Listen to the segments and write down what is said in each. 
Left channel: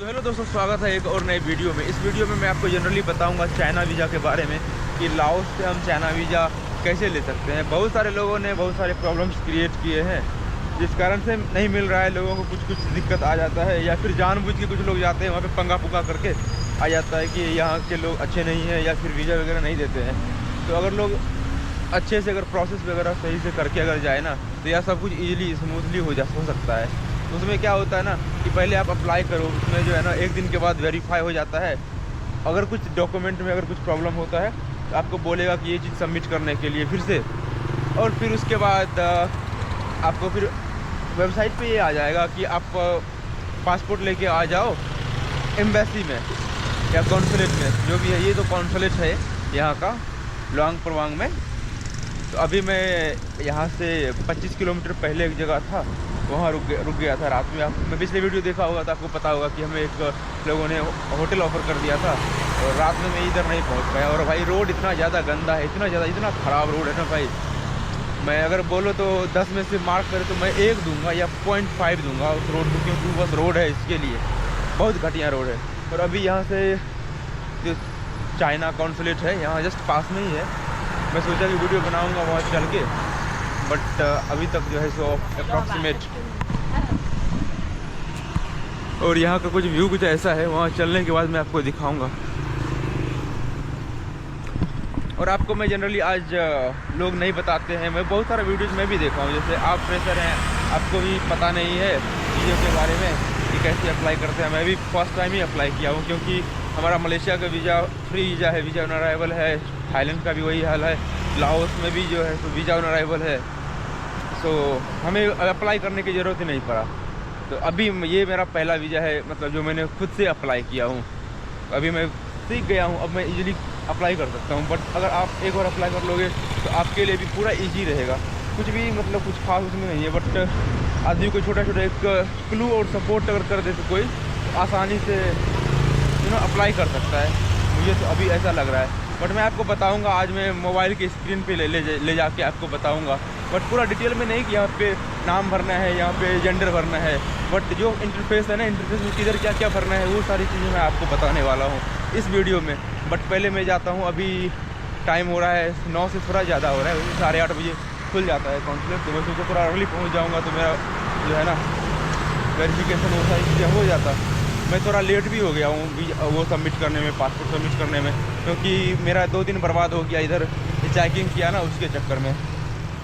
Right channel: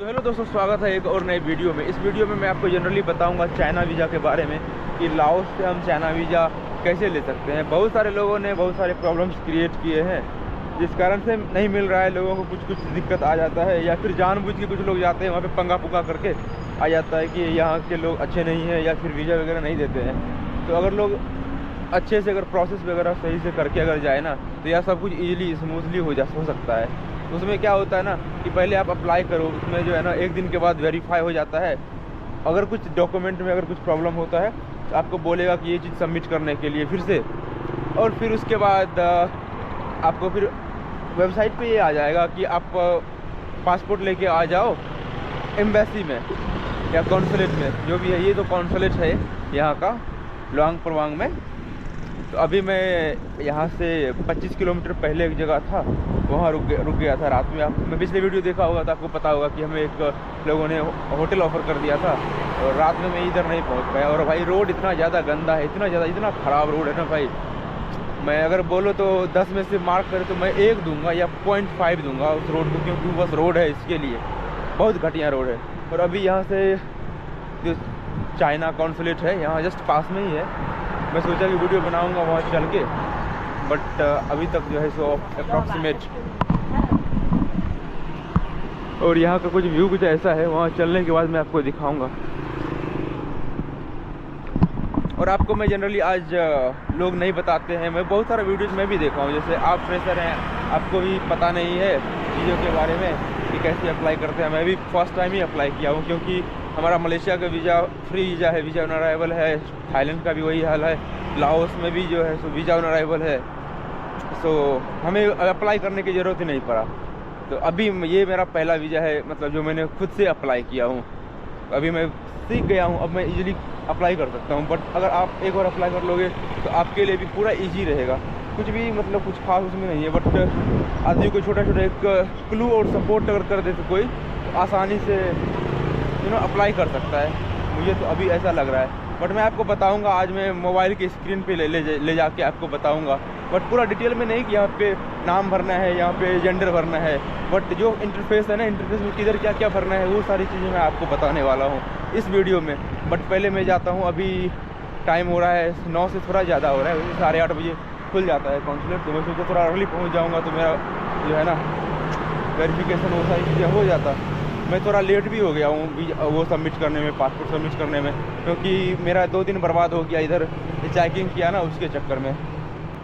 तो हेलो दोस्तों, स्वागत है एक और नए वीडियो में। इस वीडियो में मैं आपको जनरली बताऊंगा चाइना वीज़ा के बारे में कि लाओस से हम चाइना वीज़ा कैसे ले सकते हैं। बहुत सारे लोगों ने बहुत सारे प्रॉब्लम्स क्रिएट किए हैं जिस कारण से नहीं मिल रहा है। लोगों को कुछ कुछ दिक्कत आ जाता है या फिर जानबूझ के कुछ लोग जाते हैं वहाँ पे पंगा पुगा करके आ जाता है कि यहाँ के लोग अच्छे नहीं हैं या फिर वीज़ा वगैरह नहीं देते हैं। तो अगर लोग अच्छे से अगर प्रोसेस वगैरह सही से करके अगर जाए ना तो यह सब कुछ ईजिली स्मूथली हो सकता है। उसमें क्या होता है ना कि पहले आप अप्लाई करो, उसमें जो है ना एक दिन के बाद वेरीफाई हो जाता है। अगर कुछ डॉक्यूमेंट में अगर कुछ प्रॉब्लम होता है तो आपको बोलेगा कि ये चीज़ सबमिट करने के लिए फिर से, और फिर उसके बाद आपको फिर वेबसाइट पे ये आ जाएगा कि आप पासपोर्ट लेके आ जाओ एम्बेसी में या कॉन्सुलेट में, जो भी है। ये तो कॉन्सुलेट है यहाँ का लुआंग प्रवांग में। तो अभी मैं यहाँ से 25 किलोमीटर पहले एक जगह था, वहाँ रुक गया था रात में। मैं पिछले वीडियो देखा होगा तो आपको पता होगा कि हमें एक लोगों ने होटल ऑफ़र कर दिया था और रात में मैं इधर नहीं पहुँच पाया। और भाई रोड इतना ज़्यादा गंदा है, इतना ख़राब रोड है ना भाई। मैं अगर बोलो तो 10 में से मार्क करे तो मैं 1 दूंगा या 0.5 दूंगा उस रोड को, क्योंकि बस रोड है इसके लिए बहुत घटिया रोड है। और अभी यहाँ से जो चाइना कॉन्सुलेट है यहाँ जस्ट पास में ही है। मैं सोचा कि वीडियो बनाऊंगा वहाँ चल के, बट अभी तक जो है सो अप्रॉक्सीमेट। और यहाँ का कुछ व्यू कुछ ऐसा है, वहाँ चलने के बाद मैं आपको दिखाऊंगा। और आपको मैं जनरली आज लोग नहीं बताते हैं, मैं बहुत सारा वीडियोज़ मैं भी देखा हूँ। जैसे आप फ्रेशर हैं, आपको भी पता नहीं है चीज़ों के बारे में कि कैसे अप्लाई करते हैं। मैं भी फर्स्ट टाइम ही अप्लाई किया हूँ, क्योंकि हमारा मलेशिया का वीज़ा फ्री वीज़ा है, वीज़ा ऑन अराइवल है। थाईलैंड का भी वही हाल है, लाओस में भी जो है तो वीज़ा ऑन अराइवल है। सो हमें अप्लाई करने की ज़रूरत ही नहीं पड़ा। तो अभी ये मेरा पहला वीज़ा है, मतलब जो मैंने खुद से अप्लाई किया हूँ। अभी मैं सीख गया हूँ, अब मैं इजीली अप्लाई कर सकता हूँ। बट अगर आप एक बार अप्लाई कर लोगे तो आपके लिए भी पूरा ईजी रहेगा। कुछ भी मतलब कुछ खास उसमें नहीं है, बट आदमी को छोटा छोटा एक क्लू और सपोर्ट अगर कर दे तो कोई तो आसानी से अप्लाई कर सकता है। मुझे तो अभी ऐसा लग रहा है, बट मैं आपको बताऊंगा आज। मैं मोबाइल की स्क्रीन पे ले जाके आपको बताऊंगा, बट पूरा डिटेल में नहीं कि यहाँ पे नाम भरना है, यहाँ पे जेंडर भरना है। बट जो इंटरफेस है ना, इंटरफेस में किधर क्या क्या भरना है, वो सारी चीज़ें मैं आपको बताने वाला हूँ इस वीडियो में। बट पहले मैं जाता हूँ, अभी टाइम हो रहा है 9 से थोड़ा ज़्यादा हो रहा है, 8:30 बजे खुल जाता है कॉन्सुलेट। तो मैं सोचा थोड़ा अर्ली पहुँच जाऊँगा तो मेरा जो है ना वेरिफिकेशन वो सारी चीज़ें हो जाता। मैं थोड़ा लेट भी हो गया हूँ वो सबमिट करने में, पासपोर्ट सबमिट करने में, क्योंकि मेरा 2 दिन बर्बाद हो गया इधर चेकिंग किया ना उसके चक्कर में।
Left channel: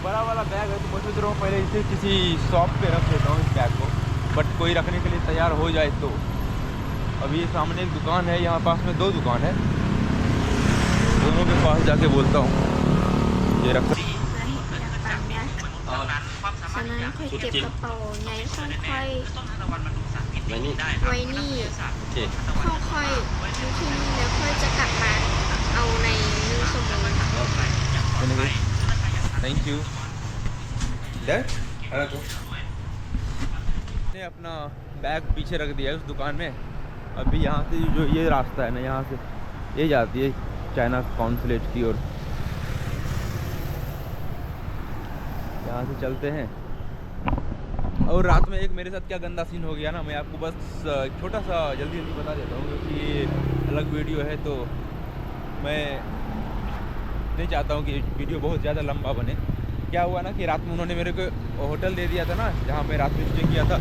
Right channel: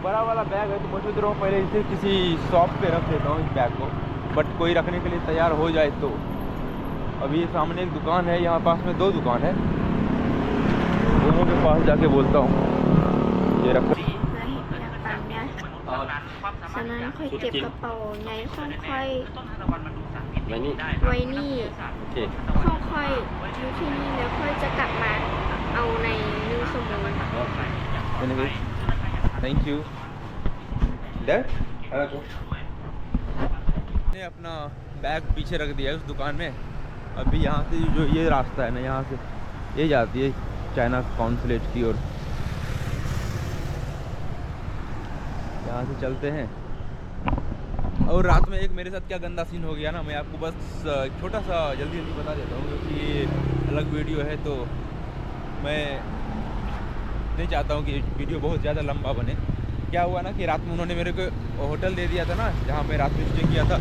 बड़ा वाला बैग है तो मैं सोच रहा हूँ पहले इसे किसी शॉप पे रख देता हूँ इस बैग को, बट कोई रखने के लिए तैयार हो जाए तो। अभी सामने एक दुकान है, यहाँ पास में 2 दुकान है, दोनों के पास जाके बोलता हूँ ये रख। ฉะนั้นค่อยเก็บกระเป๋าใหญ่ค่อยๆ ไว้นี่ ไว้นี่ โอเค ค่อยๆอยู่ที่นี่แล้วค่อยจะกลับมาเอาใน1 ชั่วโมง थैंक यू। ने अपना बैग पीछे रख दिया है उस दुकान में। अभी यहाँ से जो ये रास्ता है ना, यहाँ से ये जाती है चाइना कॉन्सुलेट की ओर। यहाँ से चलते हैं। और रात में एक मेरे साथ क्या गंदा सीन हो गया ना, मैं आपको बस छोटा सा जल्दी बता देता हूँ, क्योंकि अलग वीडियो है तो मैं नहीं चाहता हूँ कि वीडियो बहुत ज़्यादा लंबा बने। क्या हुआ ना कि रात में उन्होंने मेरे को होटल दे दिया था ना जहाँ मैं रात में स्टे किया था,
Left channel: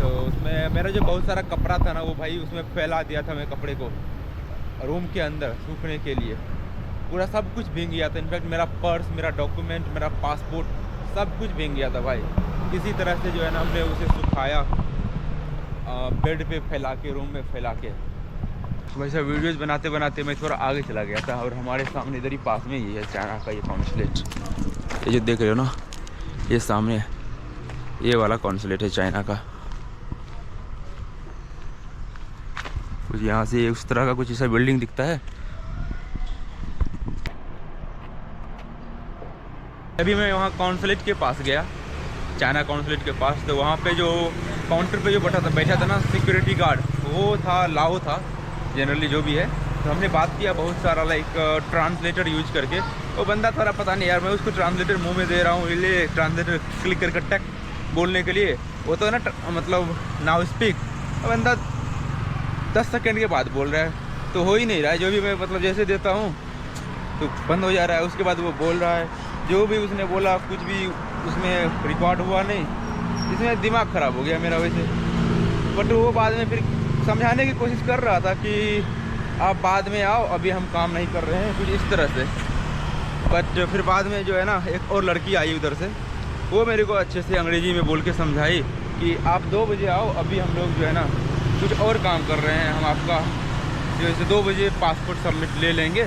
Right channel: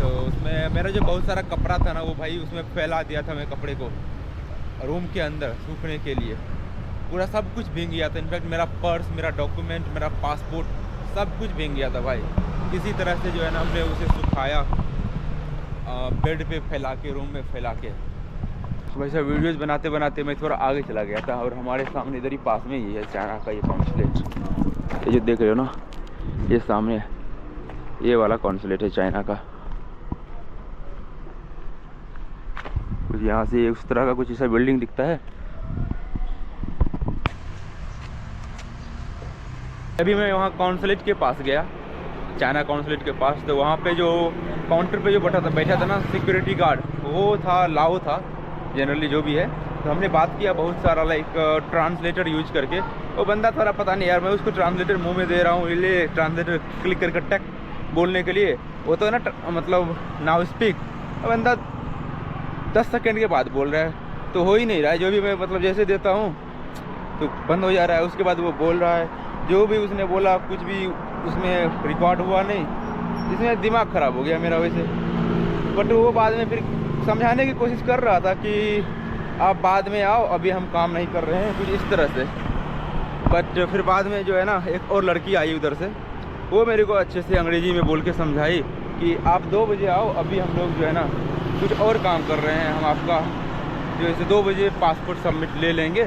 तो उसमें मेरा जो बहुत सारा कपड़ा था ना वो भाई उसमें फैला दिया था मैं कपड़े को रूम के अंदर सूखने के लिए। पूरा सब कुछ भीग गया था। इनफैक्ट मेरा पर्स, मेरा डॉक्यूमेंट, मेरा पासपोर्ट सब कुछ भीग गया था भाई। किसी तरह से जो है ना हमने उसे सुखाया बेड पे फैला के, रूम में फैला के। वैसे वीडियोज़ बनाते बनाते मैं थोड़ा आगे चला गया था, और हमारे सामने इधर ही पास में ही है चाइना का ये कॉन्सुलेट। ये जो देख रहे हो ना, ये सामने ये वाला कॉन्सुलेट है चाइना का। कुछ यहाँ से उस तरह का कुछ ऐसा बिल्डिंग दिखता है। अभी मैं वहाँ कॉन्सुलेट के पास गया, चाइना कॉन्सुलेट के पास। तो वहाँ पे जो काउंटर पे जो बैठा था ना सिक्योरिटी गार्ड, वो था लाओ था जनरली जो भी है। तो हमने बात किया बहुत सारा, लाइक ट्रांसलेटर यूज करके। वो बंदा थोड़ा पता नहीं यार, मैं उसको ट्रांसलेटर मुंह में दे रहा हूँ, इसलिए ट्रांसलेटर क्लिक करके टक बोलने के लिए, वो तो ना मतलब नाउ स्पीक। बंदा 10 सेकंड के बाद बोल रहा है, तो हो ही नहीं रहा है। जो भी मैं मतलब जैसे देता हूँ तो बंद हो जा रहा है, उसके बाद वो बोल रहा है, जो भी उसने बोला कुछ भी उसमें रिकॉर्ड हुआ नहीं। इसमें दिमाग ख़राब हो गया मेरा वैसे। बट वो बाद में फिर समझाने की कोशिश कर रहा था कि आप बाद में आओ, अभी हम काम नहीं कर रहे हैं, कुछ इस तरह से। बट फिर बाद में जो है ना, एक और लड़की आई उधर से, वो मेरे को अच्छे से अंग्रेज़ी में बोल के समझाई कि आप 2 बजे आओ, अभी हम लोग जो है ना कुछ और काम कर रहे हैं, हम आपका जो है 2 बजे पासपोर्ट सबमिट ले लेंगे।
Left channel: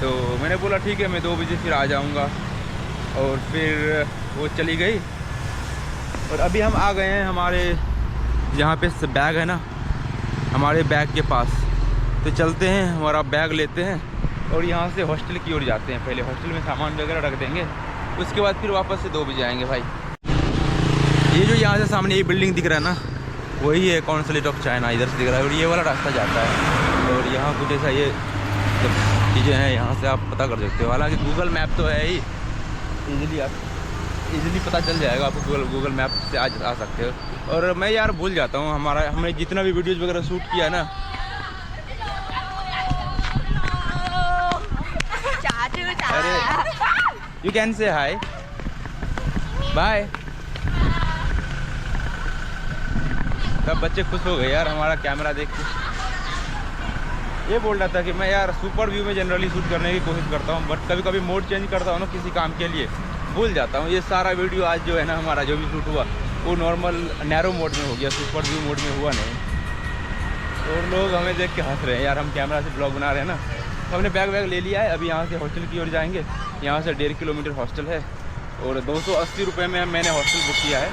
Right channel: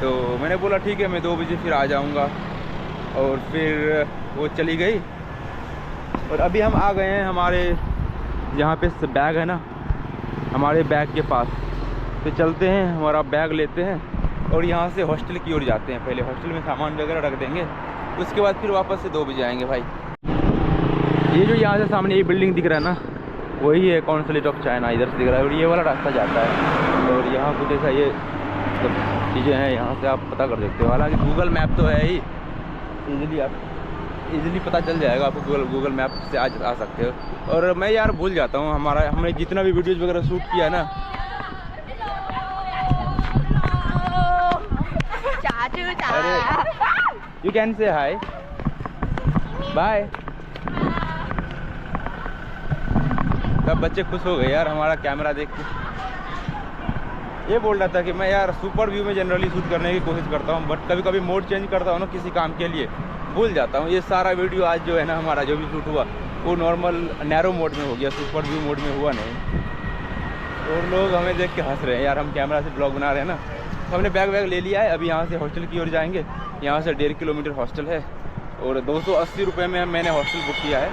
तो मैंने बोला ठीक है, मैं 2 बजे फिर आ जाऊँगा। और फिर वो चली गई। और अभी हम आ गए हैं हमारे जहाँ पे बैग है ना, हमारे बैग के पास। तो चलते हैं, हमारा बैग लेते हैं और यहाँ से हॉस्टल की ओर जाते हैं। पहले हॉस्टल में सामान वगैरह रख देंगे, उसके बाद फिर वापस से 2 बजे आएंगे भाई। ये जो यहाँ से सामने ये बिल्डिंग दिख रहा है ना, वही है कॉन्सुलेट ऑफ चाइना, इधर से दिख रहा है। और ये वाला रास्ता जाता है और यहाँ कुछ ऐसा ये चीज़ें हैं, यहाँ से आप पता कर सकते हो। हालांकि गूगल मैप तो है ही, इजीली पता चल जाएगा आपको, गूगल मैप से आ सकते हो। और मैं यार भूल जाता हूँ, हमने जितना भी वीडियोज़ वगैरह शूट किया है ना, अरे you can say hi bye. सब बच्चे खुश हो गए यार हमारा कैमरा देख के। ये बोल रहा था कि मैं यार सुपर व्यू में जनरली शूट करने की कोशिश करता हूँ, बट कभी कभी मोड चेंज करता हूँ ना किसी काम के लिए, भूल जाता हूँ। ये सारा वीडियो आज जो है ना हमारा जो भी शूट हुआ वो नॉर्मल नैरो मोड में हो गया, सुपर व्यू मोड में हुआ नहीं। और लोग हमें देख के हंस रहे हैं यार, हम कैमरा से ब्लॉग बना रहे हैं ना। हमने बैग ले लिया है, अभी यहाँ से हॉस्टल की ओर जाएंगे। यहाँ से 1.5 किलोमीटर हॉस्टल है और 280 रुपये में मैंने हॉस्टल बुक किया है।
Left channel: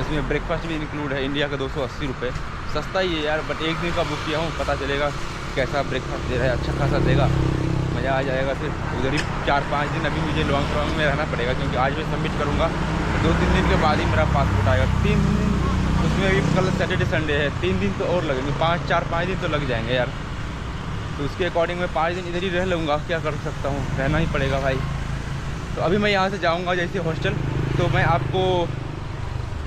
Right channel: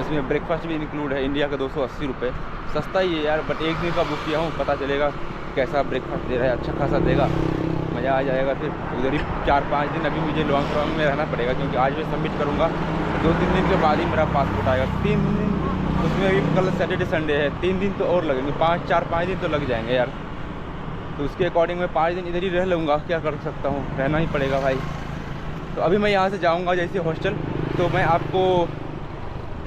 इसमें ब्रेकफास्ट भी इंक्लूड है। इंडिया का 280 रुपये, सस्ता ही है यार। बट एक दिन का बुक किया हूँ, पता चलेगा कैसा ब्रेकफास्ट दे रहा है, अच्छा खासा देगा, मज़ा आ जाएगा। फिर उधर ही 4-5 दिन अभी मुझे लॉन्ग में रहना पड़ेगा, क्योंकि आज मैं सबमिट करूँगा, 2-3 दिन के बाद ही मेरा पासपोर्ट आएगा। 3 दिन उसमें भी, कल सैटरडे संडे है, 3 दिन तो और लगेंगे, 4-5 दिन तो लग जाएंगे यार। तो उसके अकॉर्डिंग मैं 5 दिन इधर ही रह लूँगा, क्या कर सकता हूँ, रहना ही पड़ेगा भाई। तो अभी मैं यहाँ से जाऊँगा जैसे हॉस्टल, तो मैं आपको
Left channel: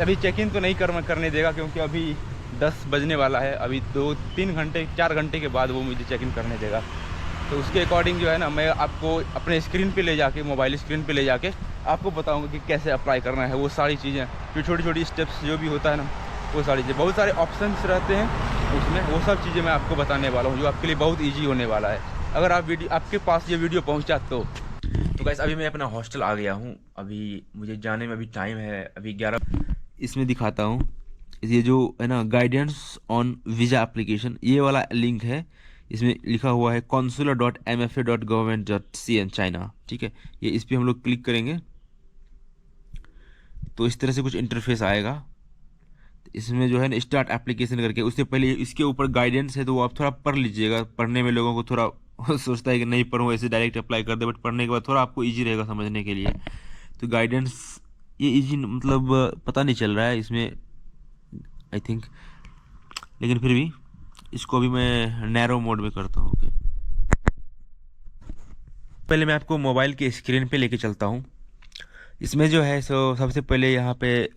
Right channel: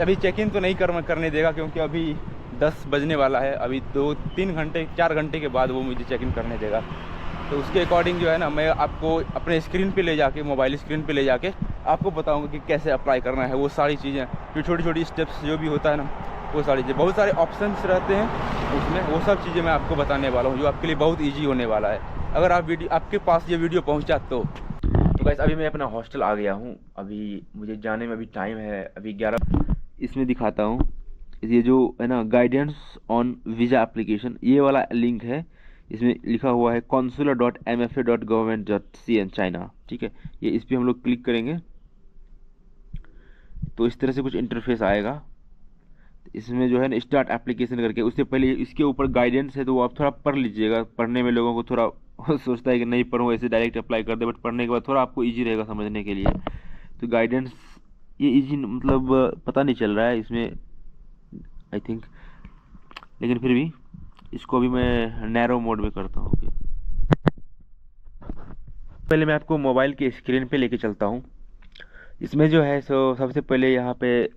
अभी चेक इन तो नहीं करने देगा, क्योंकि अभी 10 बजने वाला है। अभी 2-3 घंटे 4 घंटे के बाद वो मुझे चेक इन करने देगा। तो उसके अकॉर्डिंग जो है ना, मैं आपको अपने स्क्रीन पे ले जाके, मोबाइल स्क्रीन पे ले जाके आपको बताऊंगा कि कैसे अप्लाई करना है। वो सारी चीज़ें, जो छोटी छोटी स्टेप्स जो भी होता है ना, वो सारी चीज़ें, बहुत सारे ऑप्शंस रहते हैं उसमें, वो सब चीज़ें मैं आपको बताने वाला हूँ, जो आपके लिए बहुत ईजी होने वाला है, अगर आपके पास ये वीडियो पहुँचा तो। गाइस अभी मैं अपना हॉस्टल आ गया हूँ। अभी मुझे जाने में अभी टाइम है, अभी 11। इसमें दिखाता हूँ, ये जो है ना गाइडेंस ऑन वीज़ा एप्लीकेशन, ये वाला लिंक है। इसमें लिखा हुआ है consular.mfa.government.cn चाइना, ठीक है। ये इस पर हम लोग क्लिक करेंगे तो इस तरह से कुछ इंटरफेस आएगा। इसमें जो है ना स्टार्ट एप्लीकेशन करके, उससे पहले इसके ऊपर गाइडेंस है, तो वो आप थोड़ा पढ़ लीजिएगा। पढ़ने में लोगों को थोड़ा सोचता है कि नहीं पढ़ूँ, ऐसे डायरेक्ट अप्लाई कर दे, बट पढ़ने के बाद थोड़ा आपको ईजी रहेगा समझने के लिए। तो गाइडेंस ये ईजी मतलब पता नहीं चल रहा है इसमें आई थिंक, लेकिन फिर भी इसको अभी मैं नैरो मोड में करता हूँ। पहले मैं आपको मोबाइल के स्क्रीन पे लेके चलता हूँ। इसमें जो है सो सबसे पहले यहाँ पे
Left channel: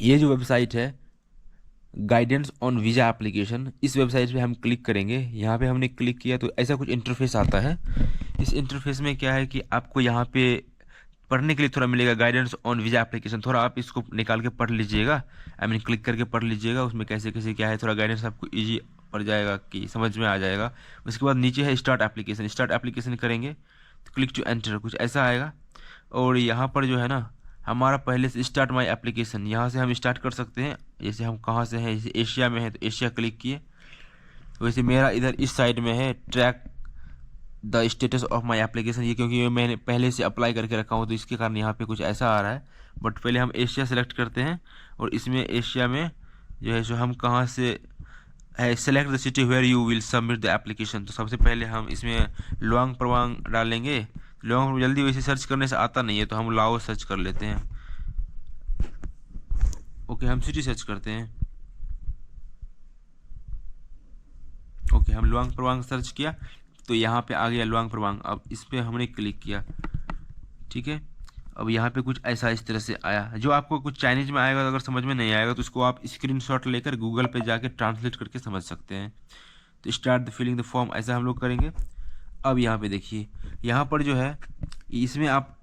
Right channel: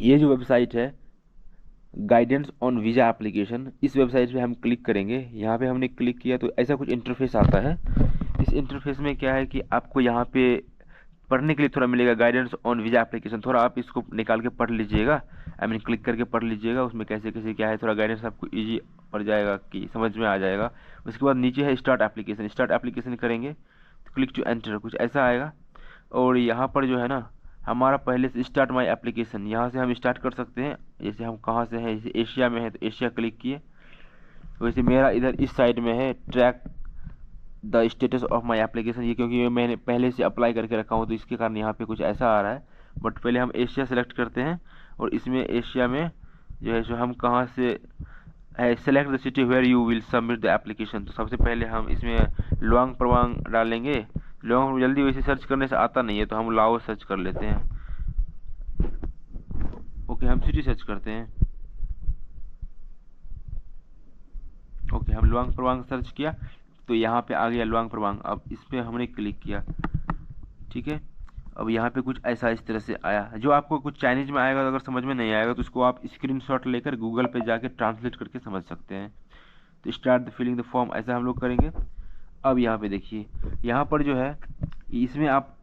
ये जो वेबसाइट है गाइडेंस ऑन वीज़ा एप्लीकेशन, इस वेबसाइट पे हम क्लिक करेंगे। यहाँ पे हमने क्लिक किया तो ऐसा कुछ इंटरफेस आता है। इस इंटरफेस में क्या है कि आपको यहाँ पे पढ़ने के लिए थोड़ा मिलेगा, गाइडेंस ऑन वीज़ा एप्लीकेशन। थोड़ा आप इसको निकाल के पढ़ लीजिएगा, आई मीन क्लिक करके पढ़ लीजिएगा, उसमें कैसे कैसे क्या है, थोड़ा गाइडेंस आपको ईजी पड़ जाएगा कि समझ में आ जाएगा। उसके बाद नीचे है स्टार्ट एप्लीकेशन, स्टार्ट एप्लीकेशन करेंगे तो क्लिक टू एंटर, कुछ ऐसा आएगा। और यहाँ पर जो है ना हमारा पहले से स्टार्ट माई एप्लीकेशन, यहाँ से हम स्टार्ट कर सकते हैं। जैसे हम कहाँ से हैं, जैसे एशिया में है तो एशिया क्लिक किए। वैसे मेरा इधर इस साइड में है track the status of my application, ये क्योंकि मैंने पहले से अप्लाई करके रखा हूँ तो इसके कारण यहाँ पे कुछ ऐसा आ रहा है। बट पहले हम एशिया सेलेक्ट करते हैं और इसमें एशिया में जो है सो हम कहाँ से है, select the city where you will submit the application. तो सबसे पहले हम इसमें लुआंग प्रवांग डालेंगे। लुआंग जल्दी वैसे सर्च करने से आता नहीं है, तो हम लाओ सर्च कर लेते हैं। ओके, हम सिटी सर्च करते हैं। ओके, हम लुआंग प्रवांग सर्च किया तो यहाँ पे आ गया लुआंग प्रवांग। अब इस पर हमने क्लिक किया, ठीक है। अब यहाँ पे कुछ ऐसा इस तरह से आया, जो आपको कुछ चाइनीज में आएगा, तो अगर समझ में नहीं आएगा तो उसको आप स्क्रीनशॉट लेकर गूगल पे जाके ट्रांसलेट करके समझ सकते हैं। तो start the filling the form, ऐसा हम लोग करेंगे। अब यहाँ पे देखिए, यहाँ पर जो है इसमें आप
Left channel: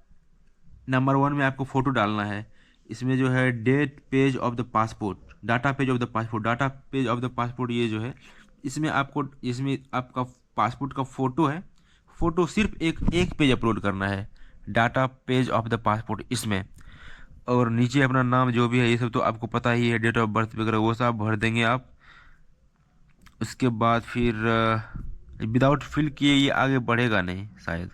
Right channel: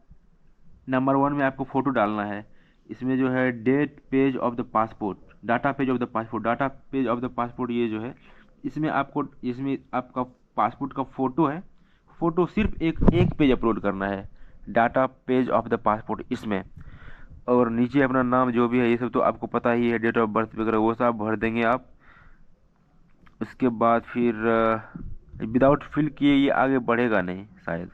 नंबर 1 में आपको फ़ोटो डालना है। इसमें जो है data page of the passport, data page of the passport, data page of the passport, ये जो है इसमें आपको, इसमें आपका पासपोर्ट का फ़ोटो है, फ़ोटो सिर्फ एक पेज अपलोड करना है, data page of the passport इसमें। और नीचे अपना नाम जो भी है, ये सब तो आपको पता ही है, डेट ऑफ बर्थ वगैरह वो सब भर देंगे आप। उसके बाद फिर विदाउट फिल किए ये आगे बढ़ेगा नहीं शायद,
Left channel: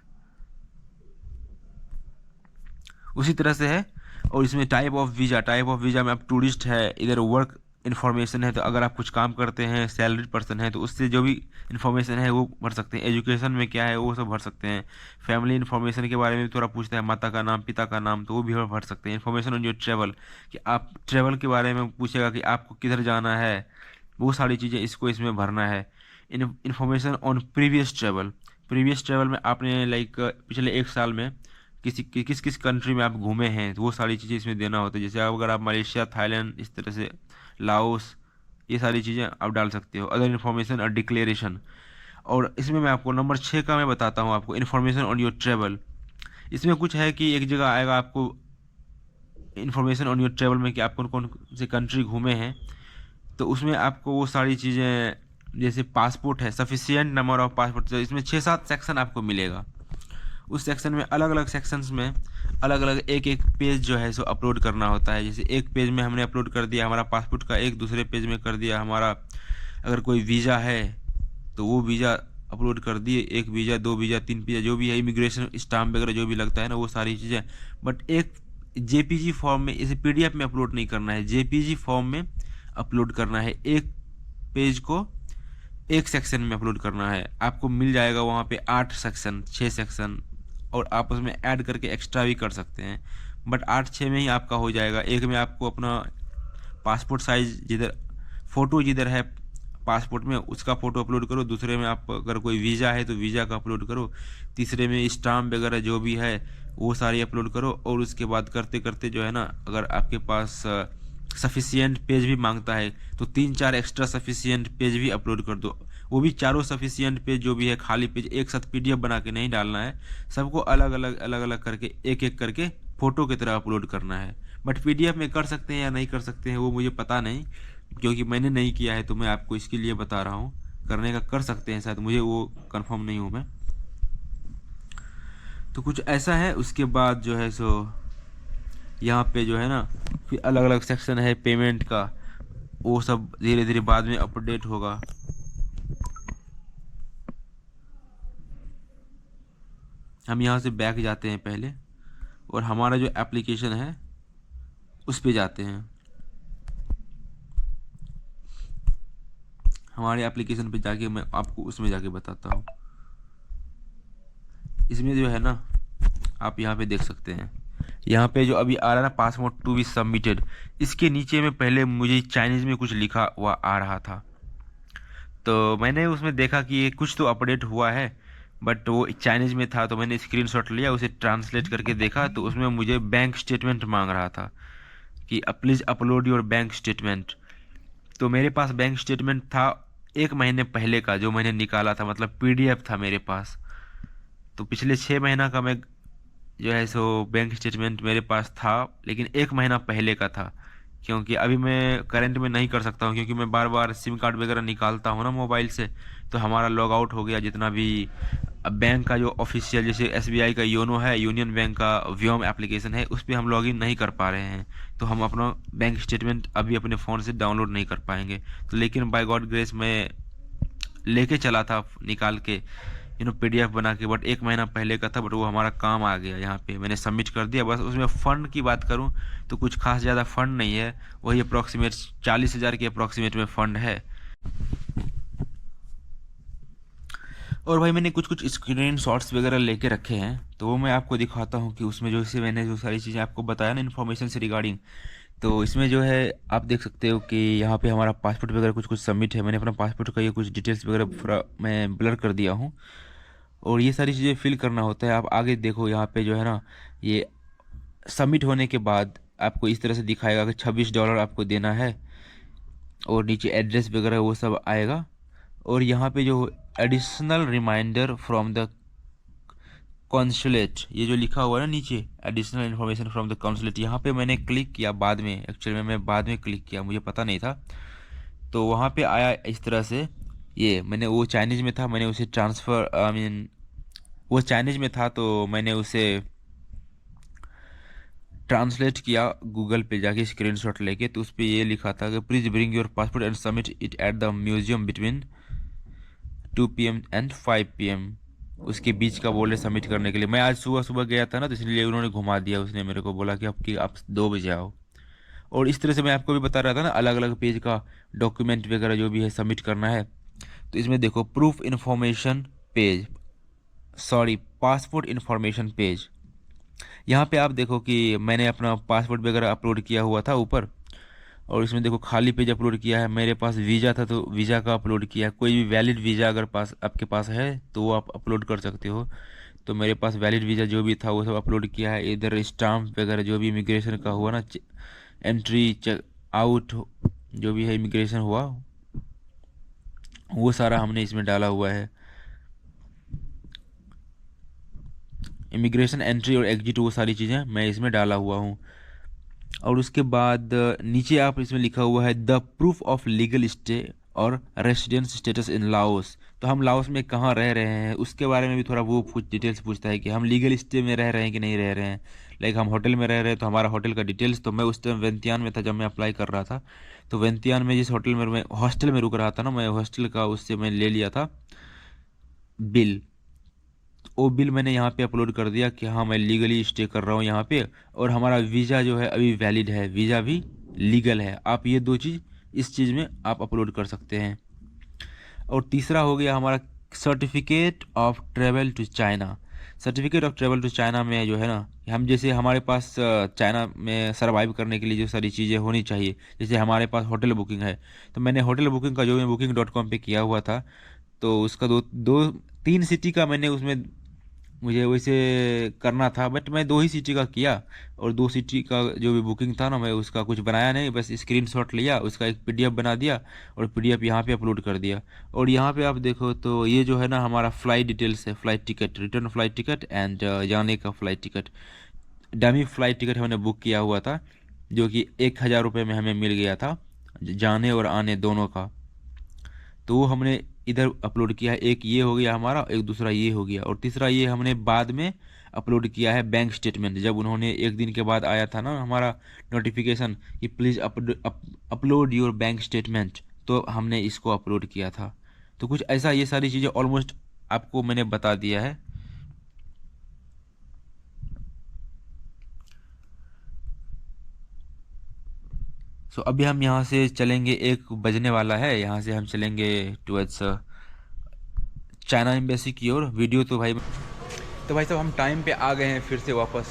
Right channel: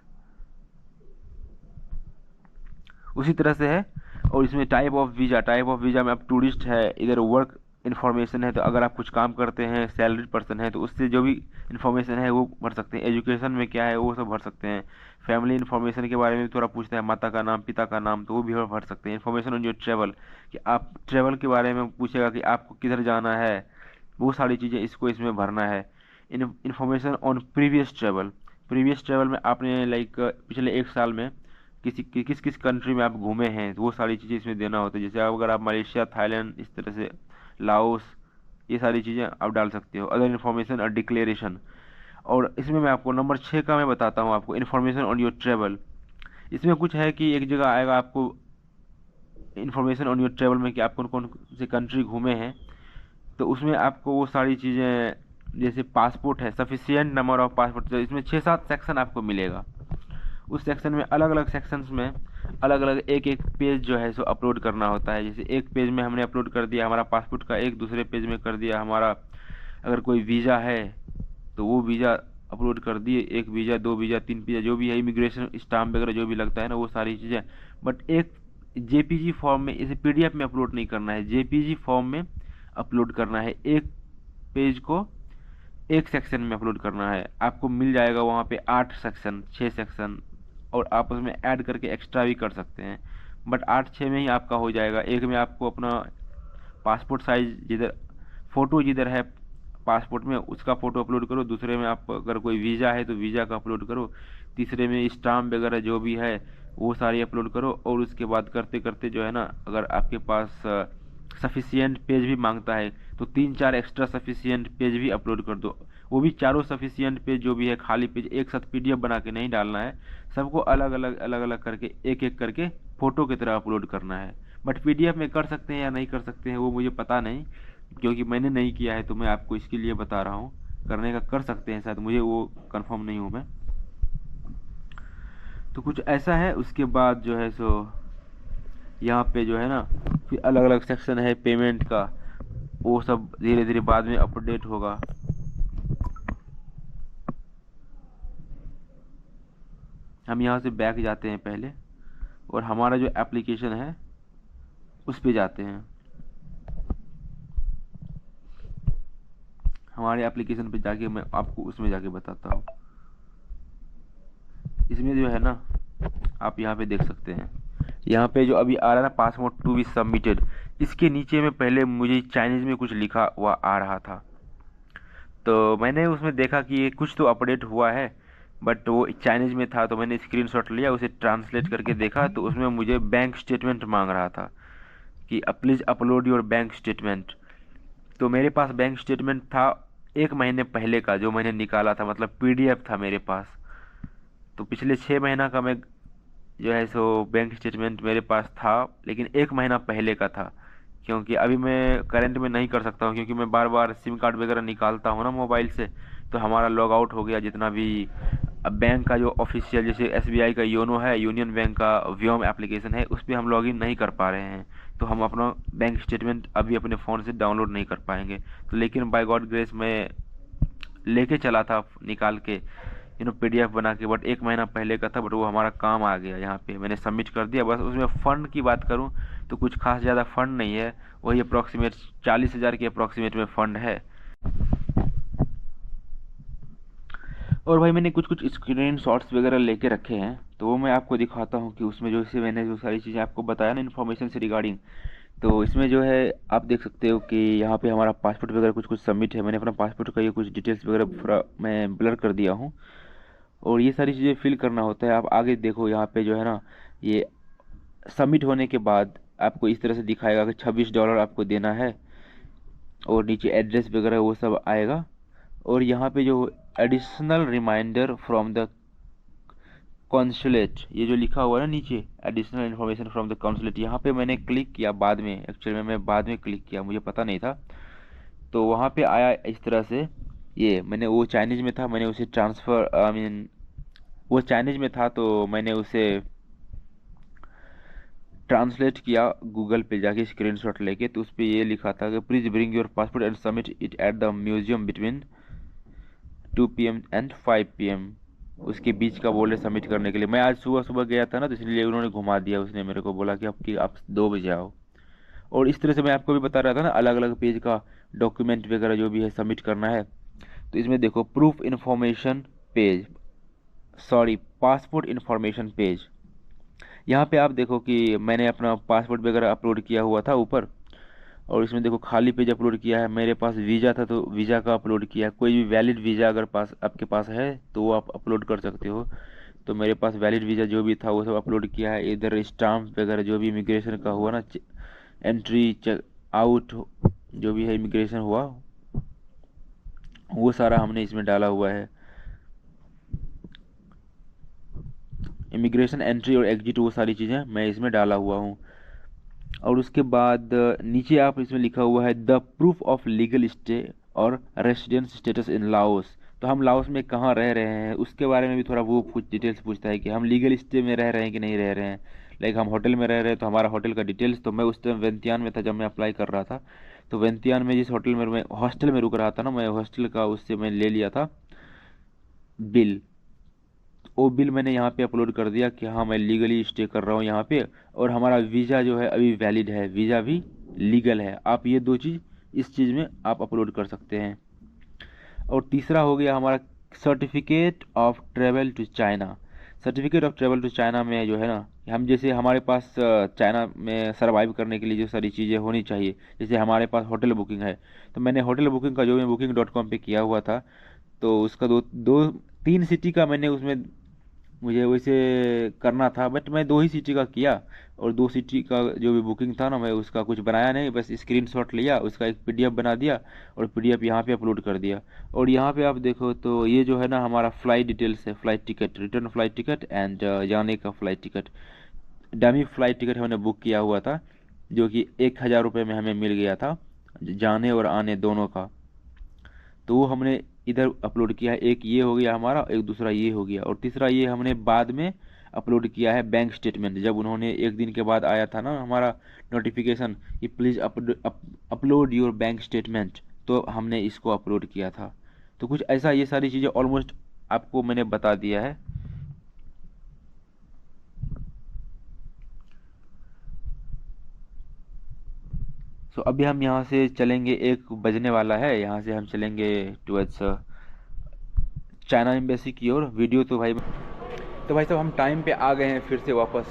उसी तरह से है। और इसमें type of visa, type of visa में आप टूरिस्ट है, इधर वर्क इन्फॉर्मेशन है, तो अगर आप कुछ काम करते हैं, सैलरीड पर्सन है, तो उससे जो भी इन्फॉर्मेशन है वो भर सकते हैं। एजुकेशन में क्या है वो सब भर सकते हैं। फैमिली इन्फॉर्मेशन के बारे में थोड़ा पूछता है, माता का नाम, पिता का नाम, तो वो भी भर सकते हैं। इन्फॉर्मेशन ऑन योर ट्रैवल, कि आप ट्रैवल के बारे में पूछेगा कि आपको किधर जाना है, वो सारी चीज़ें इसको इसमें भरना है। Information on previous travel, previous travel में आपने लाइक पिछले 1 साल में किस किस कंट्री में आप घूमे हैं, तो वो सारी चीज़ें इसमें देना होता है। जैसे अगर आप मलेशिया, थाईलैंड, इस तरह से लाओस, ये सारी चीज़ें आप डाल सकते हो। अदर इन्फॉर्मेशन और डिक्लेरेशन। और इसमें मैं आपको नंबर 6 का मैं बताता हूँ आपको, इन्फॉर्मेशन ऑन योर ट्रैवल। इसमें कुछ है कि एक जगह आएगा आपको इन्फॉर्मेशन ऑन योर ट्रैवल में, कि आप कौन कौन से कंट्री घूमे हैं, तो उसमें आपको वो सारी चीज़ें, जैसे पासपोर्ट है, सफिशिएंट नंबर ऑफ पासपोर्ट, इसमें 6-7 सेक्शन आपको मिलेगा। उस सेक्शन में अलग अलग सेक्शंस में अलग अलग एक पेज जो है सो अपलोड करना होता है। जैसे एक पेज में हमने अपलोड कर दिया हमारा पासपोर्ट का, एक दूसरे पेज में कर दिया हमारा, अगर कोई वीज़ा है तो वो वीज़ा अपलोड कर दिए, 1 वीज़ा, 2 वीज़ा, 3 वीज़ा, जो भी है, इमिग्रेशन स्टाम्प वगैरह जो भी लगता है ना, वो सारी चीज़ें। बट एक जेपीजी फॉर्म में, इसे पीडीएफ में अपलोड नहीं करना है, जेपीजी फॉर्म में अपलोड करना है। एक पेज को एक सेक्शन में अपलोड करना है। आपको मिल जाएगा वहाँ पे 8 सेक्शन, 6 सेक्शन, और आप उसमें ऐड करके एक्स्ट्रा भी कर सकते हैं। बट 8-6 में ही आपका हो जाएगा। एक में आपको अपना पासपोर्ट साइज, जिधर फ़ोटो जिधर है पासपोर्ट में उसका फ़ोटो अपलोड करो, दूसरे में आप अगर कोई वीज़ा है तो वीज़ा का अपलोड करो, तीसरे में स्टाम्प वगैरह जो भी है वो सारी अपलोड करो। और उसके बाद करते करते जो है ना, अगर आपके पास सफिशिएंट पेज भी मांगता है तो 3-4 एक्स्ट्रा सफिशिएंट पेज भी अपलोड कर दो। वो भी चारों सफिशिएंट पेज जो भी है, खाली पेज एक साथ पीडीएफ बना के नहीं डालना है, सबको अलग अलग करके एक एक करके फ़ोटो की तरह अपलोड करना है। बट पीडीएफ में कर सकते हैं या नहीं कर सकते हैं वो मुझे पता नहीं, क्योंकि मैंने नहीं किया है, तो मैं आपको इसके लिए बता रहा हूँ। करने का कर सकते हैं शायद, मुझे वो कंफर्म नहीं हूँ मैं। तो कुछ ऐसा है। उसके बाद जो है सो यहाँ पे जो है ना, फिर अलग अलग सेक्शन है पेमेंट का, वो सब धीरे धीरे बाद में अपडेट होगा। हम यहाँ से बैक जाते हैं पहले, और हमारा जो एप्लीकेशन है उस पे जाते हैं। हमारे एप्लीकेशन पे जाके मैं आपको उसमें जाके बताता हूँ। इसमें जो है ना, आप यहाँ पे देख सकते हैं, यहाँ पे जो अभी आ रहा है ना, पासपोर्ट टू बी सबमिटेड, इसके नीचे में पहले मुझे चाइनीज़ में कुछ लिखा हुआ आ रहा था, तो मैंने उसमें देखा कि ये कुछ तो अपडेट हुआ है, बट वो चाइनीज़ में था, तो मैंने स्क्रीनशॉट लिया, उसे ट्रांसलेट करके देखा, तो उसमें मुझे बैंक स्टेटमेंट मांग रहा था कि please upload your bank statement. तो मेरे पास बैंक स्टेटमेंट था 1 महीने पहले का, जो मैंने निकाला था, मतलब पीडीएफ था मेरे पास। तो पिछले 6 महीना का मैं जो है सो बैंक स्टेटमेंट मेरे पास था, लेकिन 1 महीना पहले का था, क्योंकि अभी मैं करंट में नहीं कर सकता हूँ, क्योंकि मैं बार बार सिम कार्ड वगैरह निकालता हूँ ना मोबाइल से, तो हमारा लॉग आउट हो गया जितना भी बैंक का जो ऑफिशियल, जैसे एसबीआई का योनो है, यूनियन बैंक का व्योम एप्लीकेशन है, उस पर हम लॉगिन नहीं कर पा रहे हैं, तो हम अपना बैंक स्टेटमेंट अभी अपने फ़ोन से डाउनलोड नहीं कर पाएंगे। तो लेकिन बाय गॉड ग्रेस मैं लेके चला था निकाल के, पीडीएफ बना के, बट 1 महीना पहले का था, बट वो हमारा काम आ गया। यहाँ पे मैंने सबमिट कर दिया। बस उसमें फ़ंड की बात करूँ तो कुछ खास ज़्यादा फ़ंड नहीं है, वही अप्रॉक्सीमेट 40,000 के अप्रॉक्सीमेट में फ़ंड है। और भाई मैंने कुछ स्क्रीन शॉट्स वगैरह लेके रखे हैं, तो वो मैं आपको दिखाता हूँ कि उसमें जो से मैंने जो सारी चीज़ें आपको बताया ना इन्फॉर्मेशन से रिगार्डिंग, तो इसमें जो है आप देख सकते हो कि यहाँ पे हमारा पासपोर्ट वगैरह कुछ सबमिट है। मैंने अपना पासपोर्ट का ये कुछ डिटेल्स वगैरह पूरा मैं ब्लर कर दिया हूँ, और ये सारी चीज़ें फिल करना होता है। आप आगे देखो यहाँ पे जो है ना, ये सबमिट होने के बाद आपको इस तरह से दिखाएगा कि $26 आपको देना है, और नीचे एड्रेस वगैरह वो सब आएगा। और यहाँ पे जो additional reminder from the consulate, ये जो लिखा हुआ है ना नीचे, additional information from the consulate, यहाँ पे मैंने क्लिक किया बाद में, एक्चुअली मैं बाद में क्लिक किया, मुझे पता नहीं था। तो वहाँ पे आया इस तरह से, ये मैंने, वो चाइनीज़ में था, मैंने उसे ट्रांसफ़र, आई मीन वो चाइनीज़ में था तो मैंने उसे ट्रांसलेट किया गूगल पे जाके स्क्रीनशॉट लेके। तो उस पर ये लिखा था कि please bring your passport and submit it at the museum between 2 PM and 5 PM, उसके बीच का बोले सबमिट करने के लिए। मैं आज सुबह सुबह गया था ना, तो इसलिए उन्होंने घुमा दिया, उसने मेरे को बोला कि आप 2 बजे आओ। और इस तरह से मैं आपको भी बता रहा था ना, अलग अलग पेज का डॉक्यूमेंट वगैरह जो भी है सबमिट करना है। तो इसमें देखो proof information page, sorry passport information page, यहाँ पे आप देखो कि मैंने अपना पासपोर्ट वगैरह अपलोड किया हुआ था ऊपर, और इसमें देखो खाली पेज अपलोड किया है। मेरे पास वीज़ा था तो वीज़ा का अपलोड किया है, कोई भी वैलिड वीज़ा अगर पास आपके पास है तो वो आप अपलोड कर सकते हो। तो मेरे पास वैलिड वीज़ा जो भी था वो सब अपलोड किया है। इधर स्टाम्प वगैरह जो भी इमिग्रेशन का हुआ ना, एंट्री चेक आउट जो भी है इमिग्रेशन हुआ, वो सारा हमने इसमें डाला हुआ है। इमिग्रेशन एंट्री और एग्जिट वो सारी चीज़ें मैं इसमें डाला हुआ हूँ। और उसके बाद नीचे आप इसमें लिखा हुआ है the proof of legal stay और रेसिडेंस स्टेटस इन लाओस। तो हम लाओस में कहाँ रह रहे हैं उसके बारे में भी थोड़ा वो कुछ डिटेल्स पूछता है कि हम लीगल स्टे में रह रहे हैं कि नहीं रह रहे हैं। लाइक हम होटल में रह रहे हैं तो हमारा होटल का डिटेल्स, तो मैं उस टाइम वेंतियान में था जब मैं अप्लाई कर रहा था। तो वेंतियान में जिस होटल में मैं हॉस्टल में रुक रहा था ना, मैं हॉस्टल का उससे मैं ले लिया था बिल। वो बिल मैंने यहाँ पे अपलोड कर दिया कि हाँ मैं लीगली स्टे कर रहा हूँ यहाँ पे, और हमारा वीज़ा जो है अभी वैलिड है, वीज़ा भी लीगल है। आप ये 2 चीज़ इस चीज़ में आप अपलोड कर सकते हैं। और तीसरा हो गया हमारा certificate of travel to China. Certificate of travel to China में जो है ना, हम जैसे हमारे पास चाइना में सर्वाइव करने के लिए जो सारी चीज़ें होनी चाहिए, जैसे हमारे पास होटल बुकिंग है, तो मैंने होटल बुकिंग का जो मैं booking.com पे किया हुआ था, तो उसका 3 सिटी का मैंने उसमें मुझे वैसे करना था, बट मैं 2 ही सिटी का किया। और 2 सिटी का जो भी बुकिंग था ना, मैं उसका कुछ बनाया नहीं, बस स्क्रीनशॉट लिया, उसका एक PDF बना दिया और PDF यहाँ पे अपलोड कर दिया। और यहाँ पे आप देखो तो ये जो है ना हमारा फ़्लाइट डिटेल्स है, flight ticket, return flight ticket and जाने का flight ticket. Dummy flight ticket हमने बुक किया हुआ था जो कि 1000 रुपये में हमें मिल गया था, जाने और आने दोनों का। तो वो हमने इधर अपलोड किया है। एक ये हो गया हमारा, एक दूसरा ये हो गया, और तीसरा ये हमने बाद में अपलोड किया है बैंक स्टेटमेंट। जब उन्होंने 1 दिन के बाद आया था ना हमारा नोटिफिकेशन कि please upload your bank statement, तो हमने इसको अपलोड किया था। तो कुछ ऐसा, ये सारी चीज़ें ऑलमोस्ट आपको मैंने बता दिया है। सो अभी हम यहाँ से चलेंगे, 1 बजने वाला है, यहाँ से हम चलेंगे टुवर्ड्स चाइना एम्बेसी की ओर। वीडियो तो भाई साहब हम टाइम पे आ गए हैं फिर से वापस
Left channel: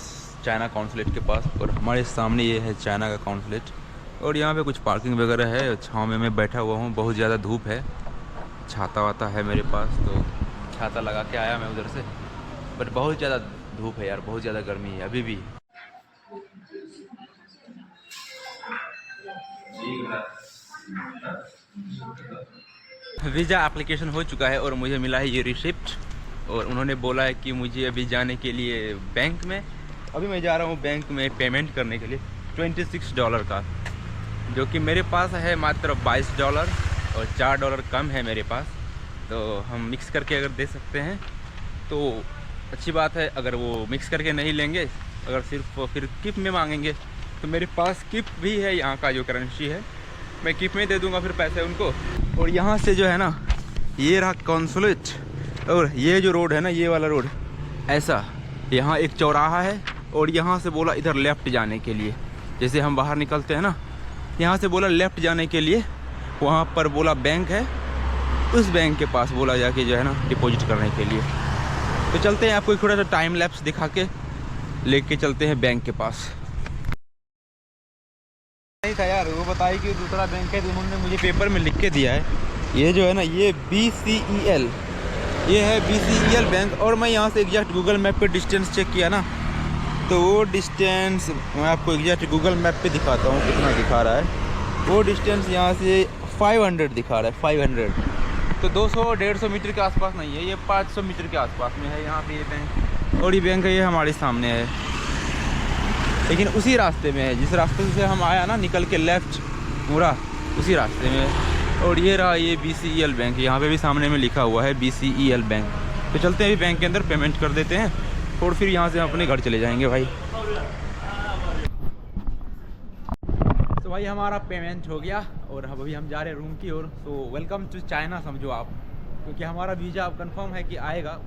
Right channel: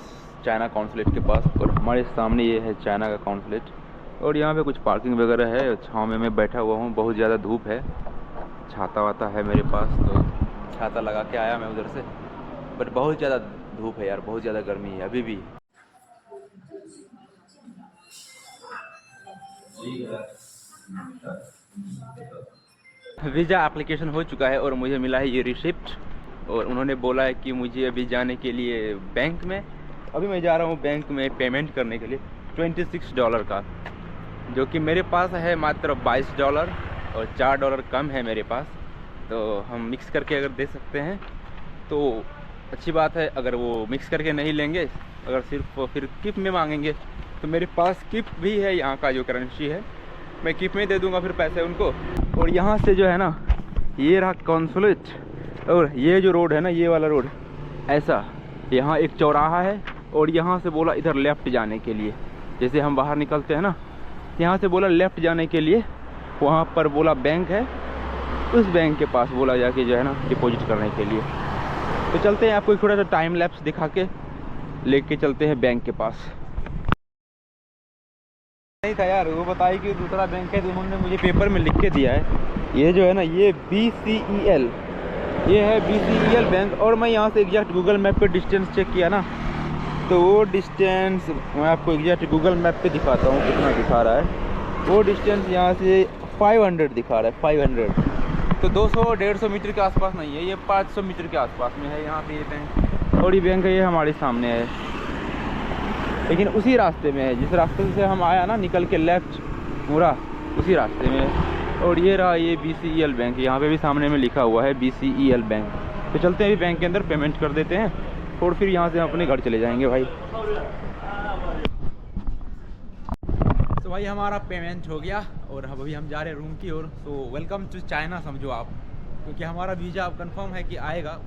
चाइना कॉन्सुलेट के पास, और हमारे सामने ये है चाइना का कॉन्सुलेट। और यहाँ पे कुछ पार्किंग वगैरह है, छाँव में मैं बैठा हुआ हूँ, बहुत ज़्यादा धूप है, छाता वाता है मेरे पास, तो छाता लगा के आया मैं उधर से, बट बहुत ज़्यादा धूप है यार, बहुत ज़्यादा गर्मी है अभी भी। वीज़ा एप्लीकेशन हो चुका है और मुझे मिला है ये रिसिप्ट, और उन्होंने बोला है कि मुझे अभी जाने के लिए बैंक में, अभी मैं जा रहा हूँ बैंक में पेमेंट करने के लिए $26 का, जो कि मेरे पास है मात्र $22 और $4 कम है मेरे पास। तो हम मिक्स करके अगर दे सकते हैं तो अच्छी बात है। अगर वो मिक्स करके नहीं लेंगे, अगर सिर्फ फिर किप में मांगेंगे, तो मेरे पास किप भी है, यहाँ का जो करेंसी है, मैं किप में दे दूँगा फिर पैसे उनको। और यहाँ से जो है ना, ये रहा कॉन्सुलेट, और ये जो रोड है ना, ये वाला रोड ऐसा, यहाँ एक चौराहा है, और यहाँ से बोला इधर लेफ़्ट जाने के लिए, जैसे हम बाहर निकलते हैं ना, यहाँ से बोला लेफ़्ट जाने के लिए, वहाँ पर बोला बैंक है, उस बैंक के पास बोला जाके जो है ना डिपॉजिट करने के लिए। तो चलते हैं, आपको थोड़ा सा टाइम लैप्स दिखा के लेके चलते हैं बैंक के पास। नहीं था यार, वो बताई कि दूसरा बैंक है, तो उन्होंने मुझे पेपर में लिख के दिया है, ये जो है ना ये BCEL, ये है BCEL बैंक। और मैं यहाँ से एग्जैक्ट गूगल मैप पे डिस्टेंस चेक किया ना, तो वो डिस्टेंस मैं आपको एग्जैक्ट गूगल मैप पे दिखाता हूँ कितना दिखा रहा है। वो डिस्टेंस यहाँ से 500 दिखा रहा है, 500। तो 200-150 मीटर के आसपास नहीं है, ये 500 मीटर के आसपास में है यहाँ पे ये बैंक। और ये बैंक है, ये हमारे सामने है, लेकिन उसी रास्ते में है जिस रास्ते से हम आया ना, निकल के लेफ़्ट पूरा उसी रास्ते में है। और ये रहा ये BCEL बैंक, यहाँ पे भी सामने में लिखा हुआ है BCEL बैंक। तो चलते हैं अभी बैंक के अंदर, पेमेंट कर देते हैं और फिर यहाँ से हम अपने घर चले जाएंगे भाई। तो भाई हमारा पेमेंट हो गया और अब अभी हम जा रहे हैं रूम की ओर। तो वेलकम टू चाइना समझो आप, क्योंकि हमारा वीज़ा अब कंफर्म है कि आएगा